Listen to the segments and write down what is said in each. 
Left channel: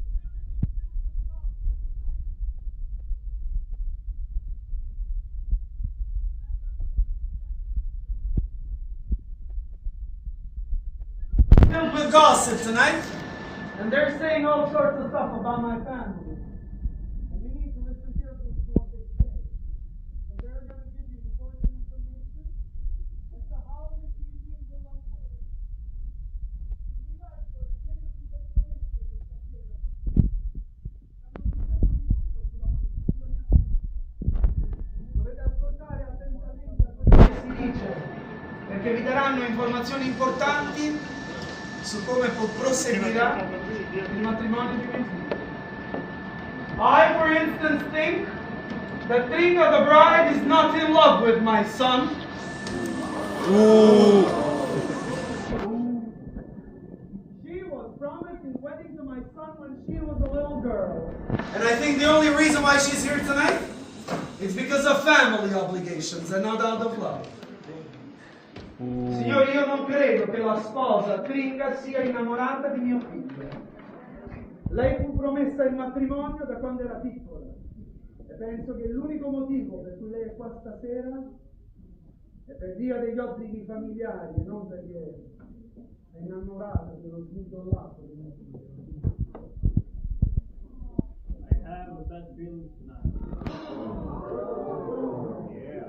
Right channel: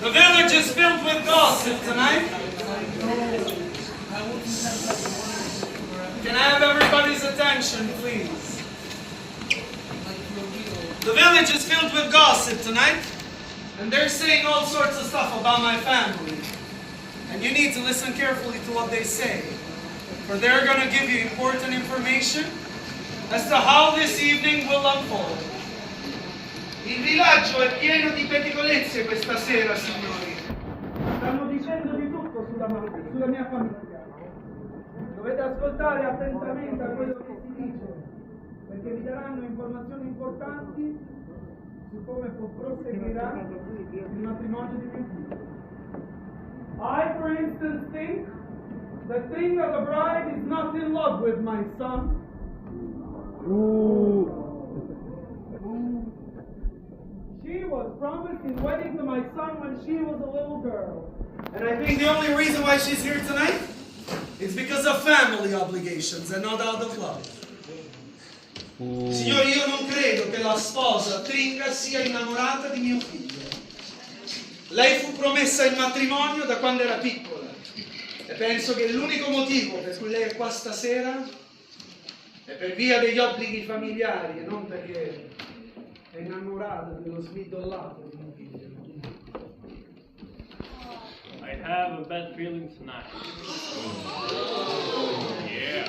The village is filled with gossip tonight. Can I have everybody's attention, please? The village is filled with gossip tonight, and they're saying all sorts of stuff about my family. And you need to listen carefully to what they say, for they're going to give you important information as to how this evening will unfold. Il villaggio è pieno di pettegolezze questa sera, signori. Stanno dicendo di tutto sulla mia famiglia. Dovete ascoltare attentamente a quello che si dice, perché vi daranno informazioni importanti su come proseguirà il matrimonio di mio figlio. I, for instance, think that Tringa the bride is not in love with my son. She was promised in wedding to my son when she was a little girl. And I think the only reason why she's here tonight is because of family obligations and not out of love. Signori, io non credo che la sposa Tringa sia innamorata di mio figlio. Lei fu promessa in matrimonio da quando era piccola e penso che l'unico motivo per cui lei è qua stasera è per via degli obblighi familiari e non perché è innamorata dello smidollato di mio figlio. I have a bad feeling tonight. Yeah.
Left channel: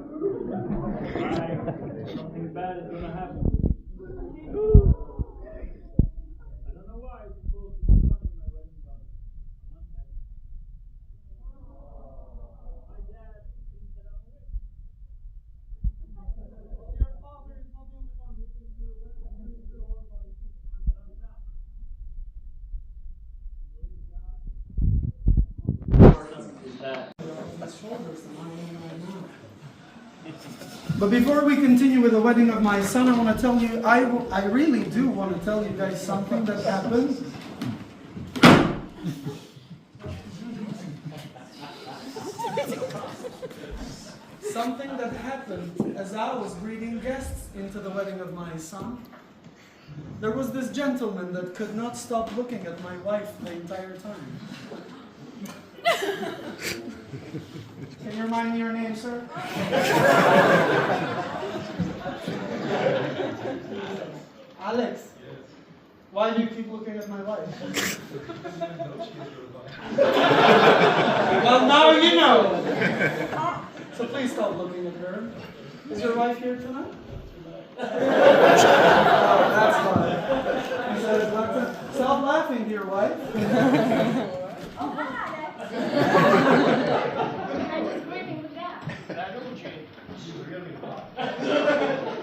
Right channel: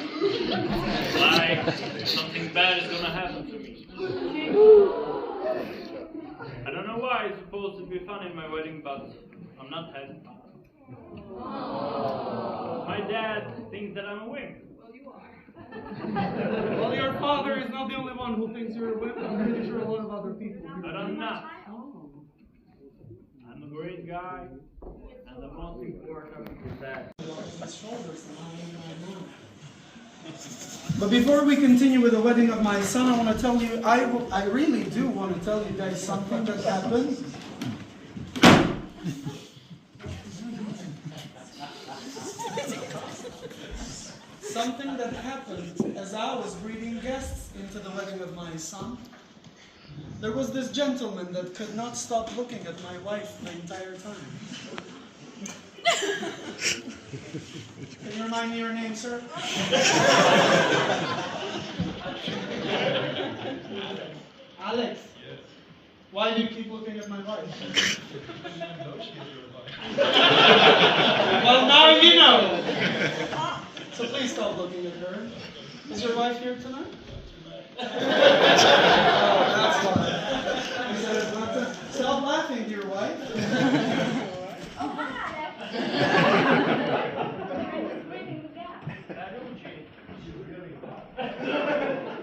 Like something bad is gonna happen to me. I don't know why it's supposed to be fun in my wedding, but I'm not having fun. My dad thinks that I'm a wimp. Well, your father is not the only one who thinks you're a wimp. I'm pretty sure a lot of other people do. But I'm not. I'm a great guy. And the most important is that. But before we continue with the wedding of my son, I want to tell you, I really do want to tell you guys something that happened. Something that happened as I was greeting guests into the wedding of my son. There was this gentleman that could not stop looking at my wife the entire time. Can you remind me your name, sir? Alex. Why do you keep looking at my wife? Well, now you know. So please stop looking at her. Is your wife here tonight? Oh, that's why. He says, stop laughing, dear wife.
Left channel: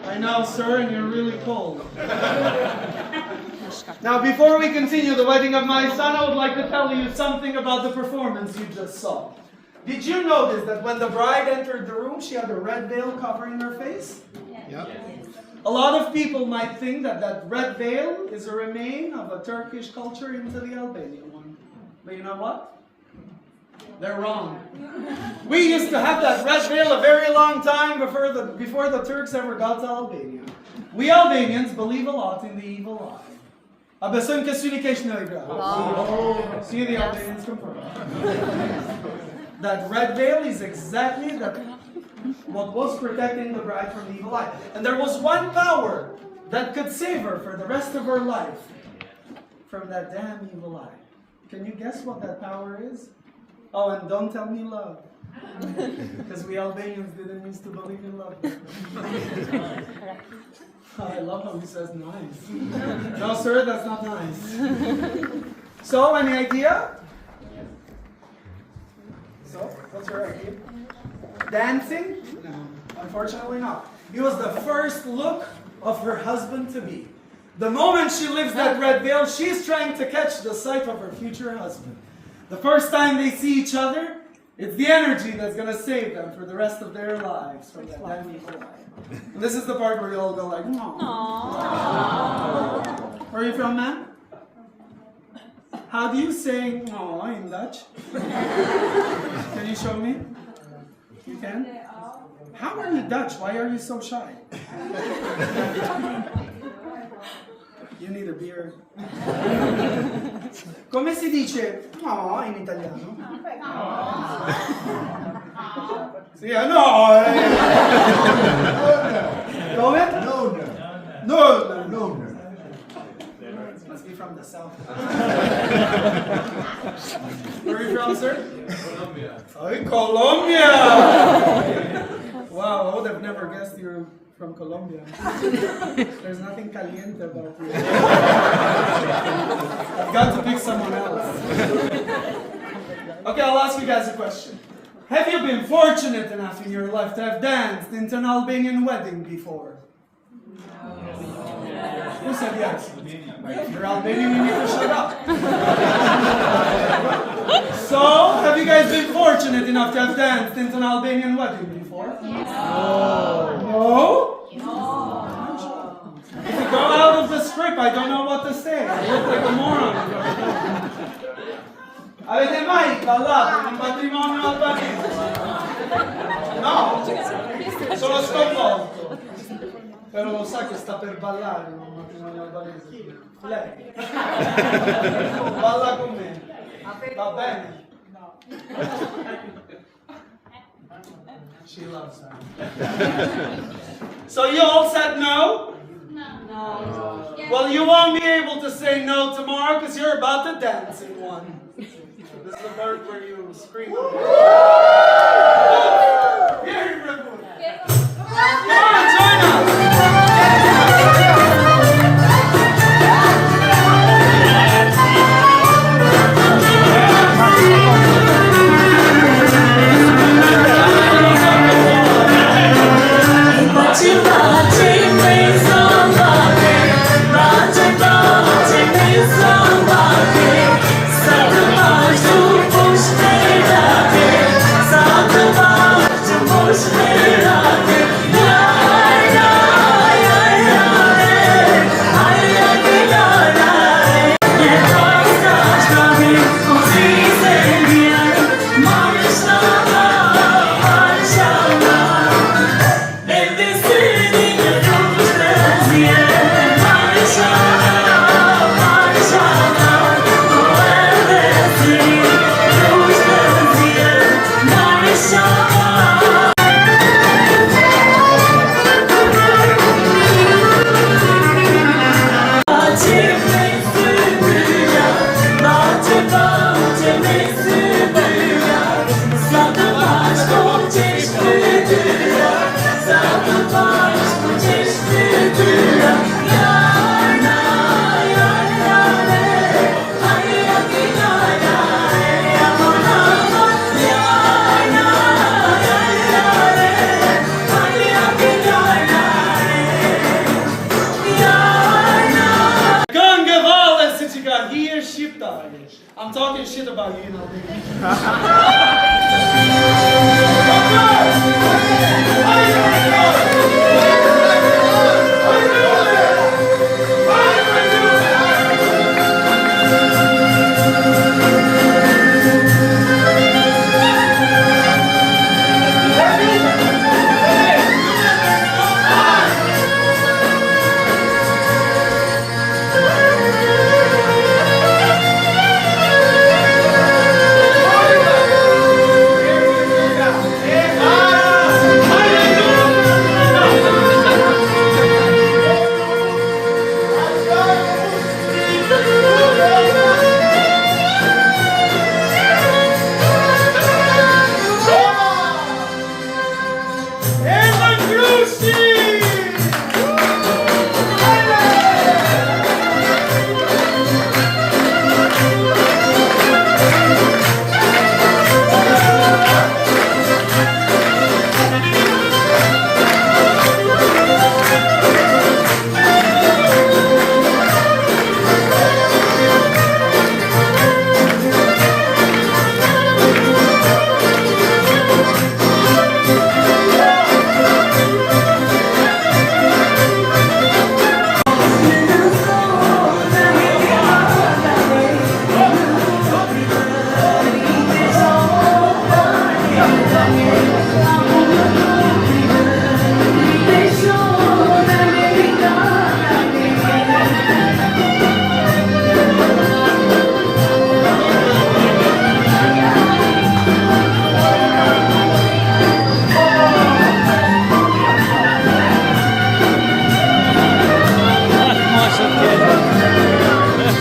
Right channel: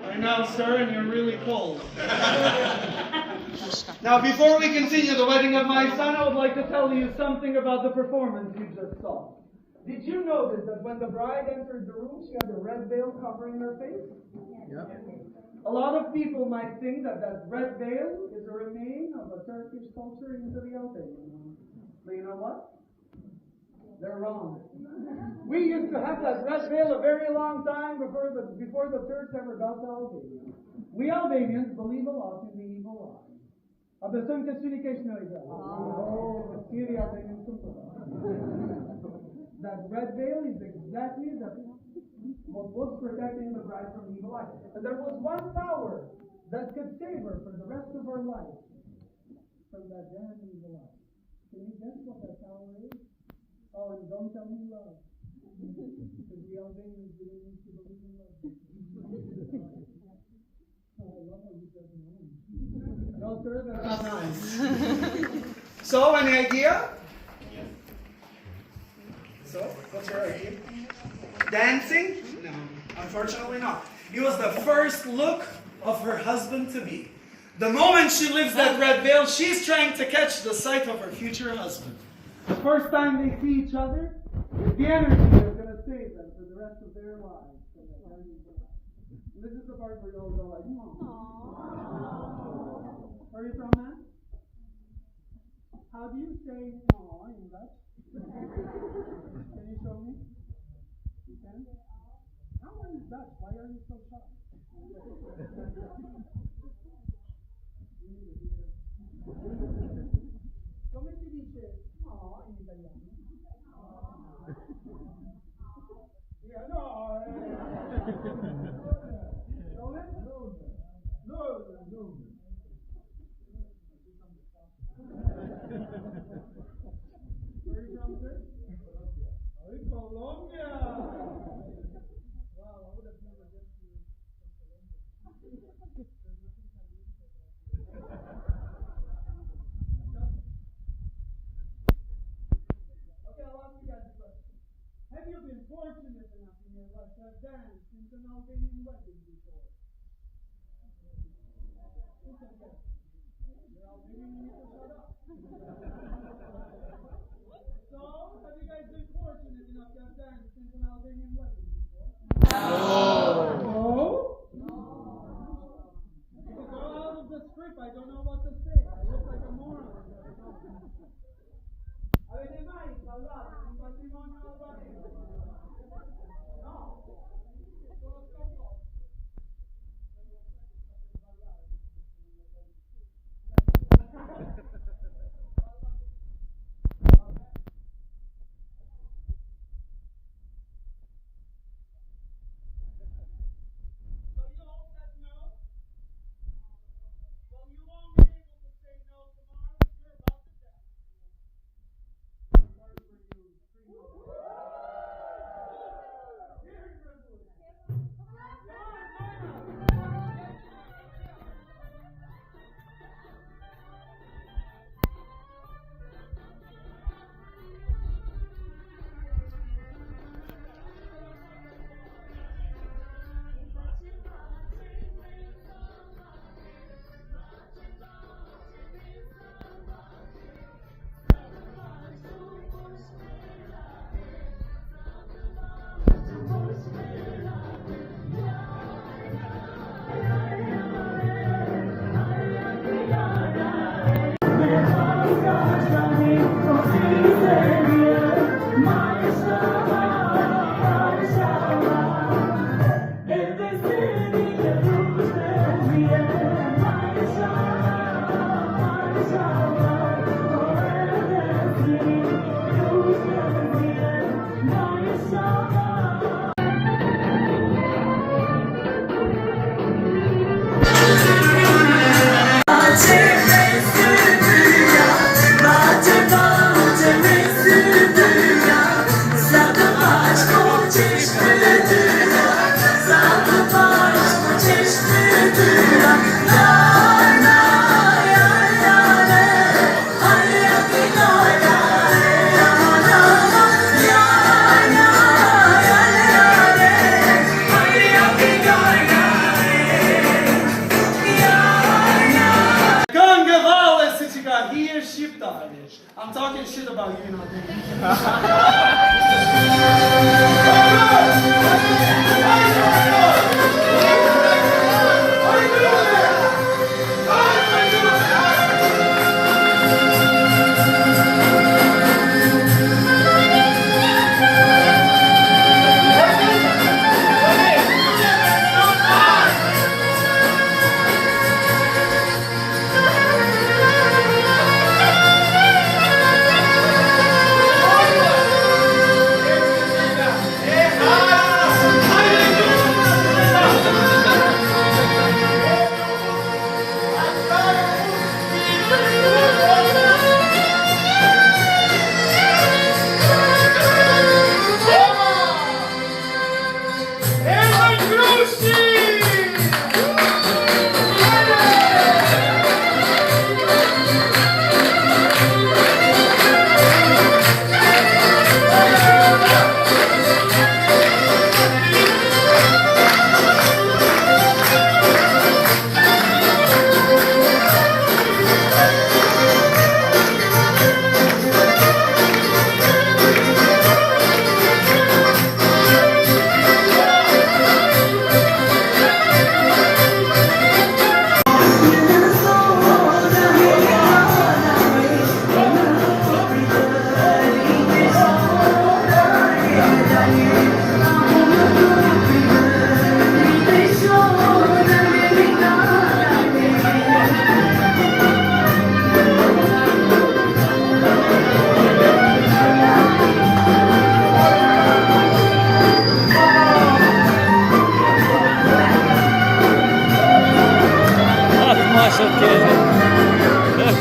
I know, sir, and you're really cold. Now, before we continue the wedding of my son, I would like to tell you something about the performance you just saw. Did you notice that when the bride entered the room, she had a red veil covering her face? Yep. A lot of people might think that that red veil is a remain of a Turkish culture into the Albanian one. But you know what? They're wrong. We used to have that red veil a very long time before the Turks ever got to Albania. We Albanians believe a lot in the evil eye. See, the Albanians confirm. That red veil is exactly what was protecting the bride from the evil eye. And there was one power that could save her for the rest of her life from that damn evil eye. Can you guess what that power is? Oh, and don't tell me love. Because we Albanians didn't used to believe in love. I love how he says nice. No, sir, that's not nice. So, any idea? So, what's your idea? Dancing? No, unfortunately not. It was the first look of her husband-to-be. The moment she lifts that red veil, she's trying to catch the sight of her future husband. The first time they see each other, it's the energy that's going to save them for the rest of their lives from that damn evil eye. And this is the part where you all go like, aww. Where are you from, man? How do you say aww in Dutch? Can you show me? You can? How are you Dutch? Why are you so shy? you need a beer? Come si dice no in italiano? Sì, no! Come? No. Must be from the south. Where are you from, sir? Colombia. Oh, Colombia! Wow, I would have never guessed you're from Colombia. There's nothing caliente about you. I've got to pick someone else. Okay, I'll ask you guys a question. Have you been fortunate enough in your life to have danced into an Albanian wedding before? Who said yes? If you're Albanian, you need to shut up. So, have you guys been fortunate enough to have danced into an Albanian wedding before? No? If you go out of the script, I don't know what to say. I look like a moron. Avete mai ballato in un matrimonio albanese? No? Sono sconvolto. Però lo sa che sta per ballare in un matrimonio albanese. Lei. Balla con me. Va bene? No. She loves her. So you all said no? No. Well, you won't be able to say no tomorrow because you're about to dance in one. This is the part where you scream. Very good. Come on, join us. I'm talking shit about you,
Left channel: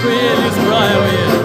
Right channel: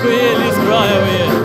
Qui è l'Israele.